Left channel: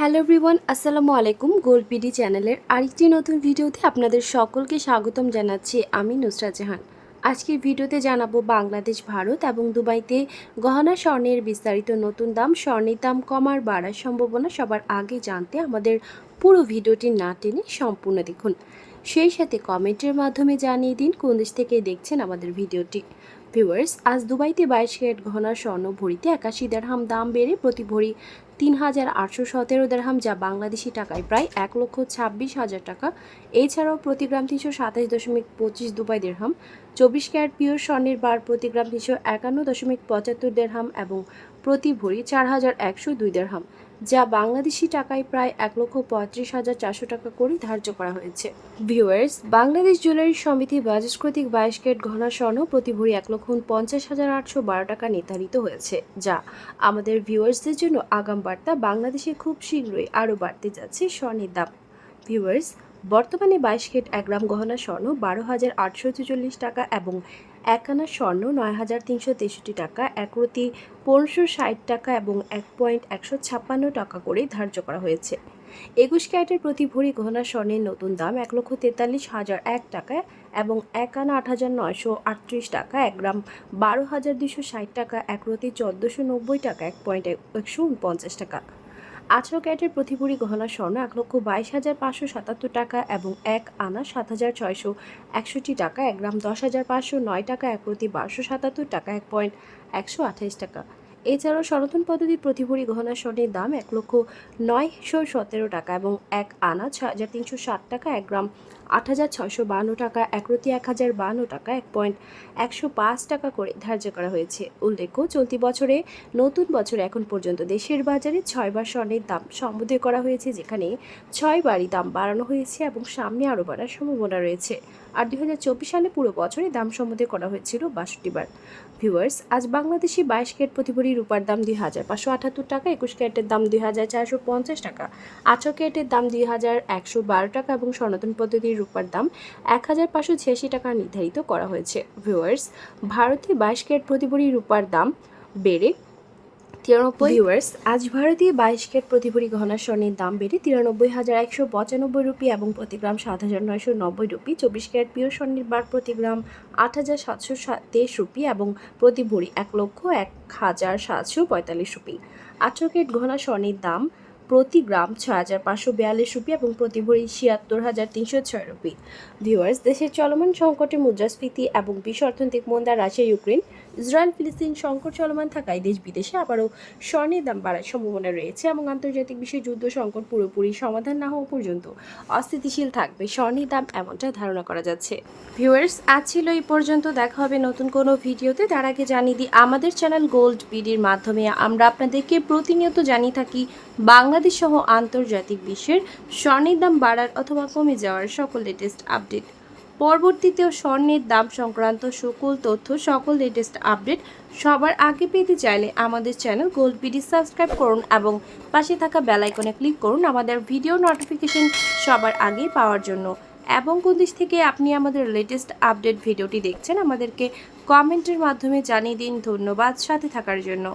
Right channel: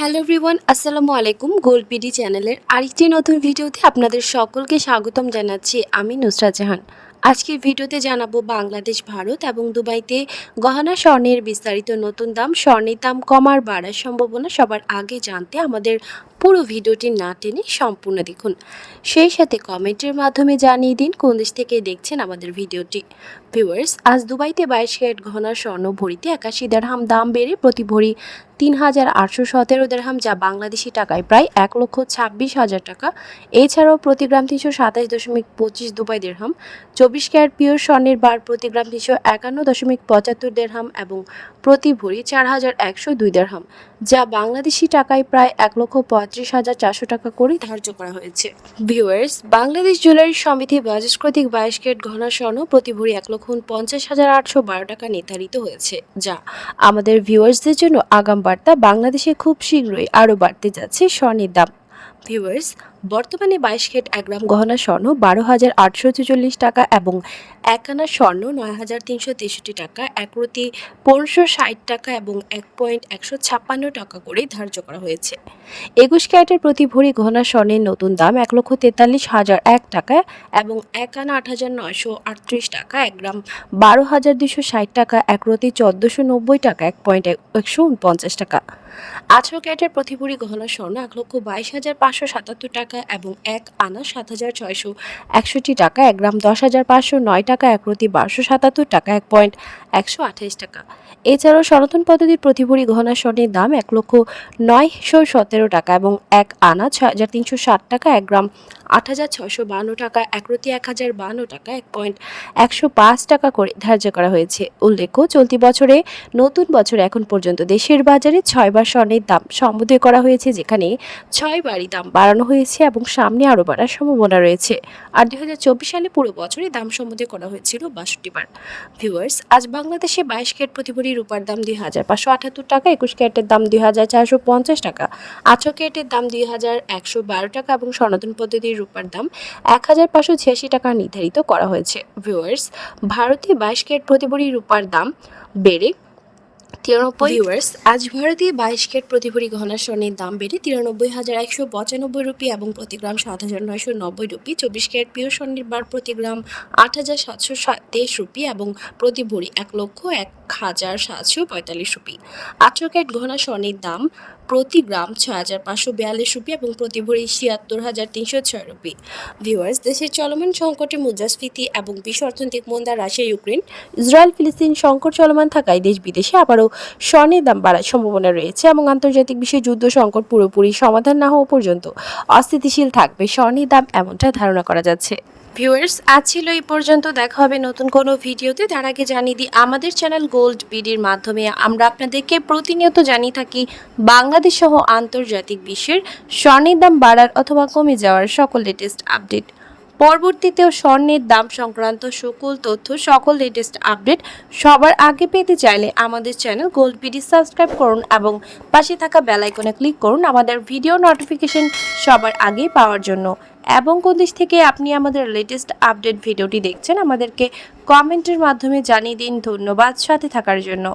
Hello everyone, আসসালামু আলাইকুম। Gold BD চ্যানেলের আরেকটি নতুন ভিডিওতে আপনাদের সকলকে স্বাগতম জানাচ্ছি। আমি নুসরাত জাহান। আজকের ভিডিওতে জানাবো বাংলাদেশ, ভারত এবং দুবাইতে গহনা স্বর্ণের বিস্তারিত নতুন দাম, স্বর্ণের দাম কমার বাড়ার সম্ভাবনা সবার আগে জানতে আমাদের পুরো ভিডিওটি না টেনে সম্পূর্ণ দেখুন। সেই সাথে কমেন্টের মাধ্যমে জানিয়ে দিন কোন দেশ থেকে দেখছেন আমাদের ভিডিওটি। ভিউয়ার্স, আজ দুবাইতে 22 ক্যারেট গহনা স্বর্ণ ভরিতে 81 দিরহাম দাম বেড়ে প্রতি ভরি ৩,৮১৭ দিরহাম, যা বাংলাদেশি টাকায় প্রায় ১,২৬,০০০ টাকা। এছাড়াও প্রতি গ্রাম ৩২৭.২৫ দুবাই দিরহাম, 24 ক্যারেট পিওর স্বর্ণের বার প্রতি গ্রাম ৩৫১.৭৫ দিরহাম এবং প্রতি ভরি ৪,১০২ দিরহাম, যা বাংলাদেশি টাকায় প্রায় ১,৩৫,৪০০ টাকা করে ধার্য করা হয়েছে। ভিউয়ার্স, বাংলাদেশ জুয়েলারি সমিতি বাজাজ কর্তৃক 22 ক্যারেট গহনা স্বর্ণ প্রতি ভরি ১,৫০,৮১২ টাকা নির্ধারিত হয়েছে, যা আমাদের ভিউয়ার্সদের জন্য আগাম বার্তা। বাংলাদেশে খুব শীঘ্রই আরও বাড়তে যাচ্ছে স্বর্ণের দাম। ভিউয়ার্স, বর্তমানে 22 ক্যারেট ১ গ্রাম গহনা স্বর্ণ ১২,৮৪৪ টাকা এবং 1 আনা স্বর্ণ ৯,৩৬৩ টাকা, ১ প্রতি ১৫৬০ টাকা এবং ১,১৫৬ টাকা করে ধার্য করা হয়েছে। ২১ ক্যারেটের প্রতি ভরি গহনা স্বর্ণের নতুন দাম ১,৪৩,০০০ টাকা এবং 1 আনা ৮,৯৩৮ টাকা, ১ গ্রাম ১২,২৬০ টাকা, ১ প্রতি ১৪৯০ টাকা, ১,১৪৯ টাকা। ১৮ ক্যারেটের প্রতি ভরি গহনা স্বর্ণ ১,২২,৫৭৭ টাকা এবং 1 আনা ৭,৬৬১ টাকা, ১ গ্রাম ১০,৫০৯ টাকা, ১ প্রতি ১২৭৭ টাকা, ১,১২৮ টাকা। এছাড়াও সনাতন পদ্ধতির প্রতি ভরি গহনা স্বর্ণের দাম ১,০৯১৭ টাকা এবং 1 আনা ৬,৩৬০ টাকা, ১ গ্রাম ৮,৬৫২ টাকা, ১ প্রতি ১,০৫২ টাকা, ১,১০৫ টাকা করে ধার্য করা হয়েছে। উল্লেখ্য, চলতি বছরে নতুন বছরে এখন পর্যন্ত দেশের বাজারে ৬ বার স্বর্ণের দাম সমুদ্রে করা হয়েছে, যেখানে ৬ বারই দাম বাড়ানো হয়েছে এবং সামনে আরও বাড়ার সম্ভাবনা রয়েছে। আর ২০২৪ সালে পুরো বছরে দাম সমুদ্রে করা হয়েছিল ৬২ বার। ভিউয়ার্স, আজ বাংলাদেশে 22 ক্যারেট প্রতি ভরি রূপার দাম ২,৫৭৮ টাকা, ২১ ক্যারেটের দাম ২,৪৫০ টাকা, ১৮ ক্যারেটের দাম ২,১১২ টাকা এবং সনাতন পদ্ধতির রূপার দাম ১,৫৮৬ টাকা নির্ধারিত করা হয়েছে। ভিউয়ার্স, ভারতে 22 ক্যারেট প্রতি ভরি রূপার দাম বেড়ে ৯৩। ভিউয়ার্স, আজ ভারতে 22 ক্যারেট প্রতি ভরি গহনা স্বর্ণের দাম বেড়ে ৯৩,১৯৫ রুপি এবং প্রতি গ্রাম ৭,৯৯০ রুপি। 24 ক্যারেট পিওর স্বর্ণের বার প্রতি গ্রাম ৮,৭২৩ রুপি এবং প্রতি ভরি ১,০১,৭৪৫ রুপি। ১৮ ক্যারেট গহনা স্বর্ণের দাম প্রতি গ্রাম ৬,৫৪২ রুপি এবং প্রতি ভরি ৭৬,৩০৬ রুপি। ভিউয়ার্স, দেশের চলমান সংকটে মুদ্রাস্ফীতি এবং বিশ্ব অর্থনৈতিক মন্দা, রাশিয়া ইউক্রেন, ইসরায়েল ফিলিস্তিন সংকট চলমান থাকায় দেশ বিদেশে আবারও স্বর্ণের দাম বাড়ার সম্ভাবনা রয়েছে এবং আন্তর্জাতিক বিশ্বে যুদ্ধ সংকট পুরোপুরি সমাধান না হওয়া পর্যন্ত অস্থিতিশীল থাকবে স্বর্ণের দাম, এমনটা ধারণা করা যাচ্ছে। ভিউয়ার্স, আজ ছিল এই পর্যন্ত। দেখা হবে নতুন কোনো ভিডিওতে। তার আগে জানিয়ে দিই, আমাদের চ্যানেল গোল্ড বিডির মাধ্যমে আমরা আপনাদেরকে প্রতিনিয়ত জানিয়ে থাকি বাংলাদেশ সহ আন্তর্জাতিক বিশ্বের স্বর্ণের দাম বাড়ার অথবা কমে যাওয়ার সকল লেটেস্ট আপডেট। পরবর্তীতেও স্বর্ণের দাম সংক্রান্ত সকল তথ্য, সকল লেটেস্ট আপডেট সবার আগে পেতে চাইলে আমাদের চ্যানেল গোল্ড বিডি সাবস্ক্রাইব করুন এবং পাশে থাকা বেল আইকনে ক্লিক করুন আমাদের ভিডিও নোটিফিকেশন সবার আগে পাওয়ার জন্য। এবং কোন দেশ থেকে আপনি আমাদের লেটেস্ট আপডেট ভিডিওটি দেখছেন আমাদেরকে কমেন্টের মাধ্যমে জানিয়ে দিন। ধন্যবাদ সাথে থাকার জন্য।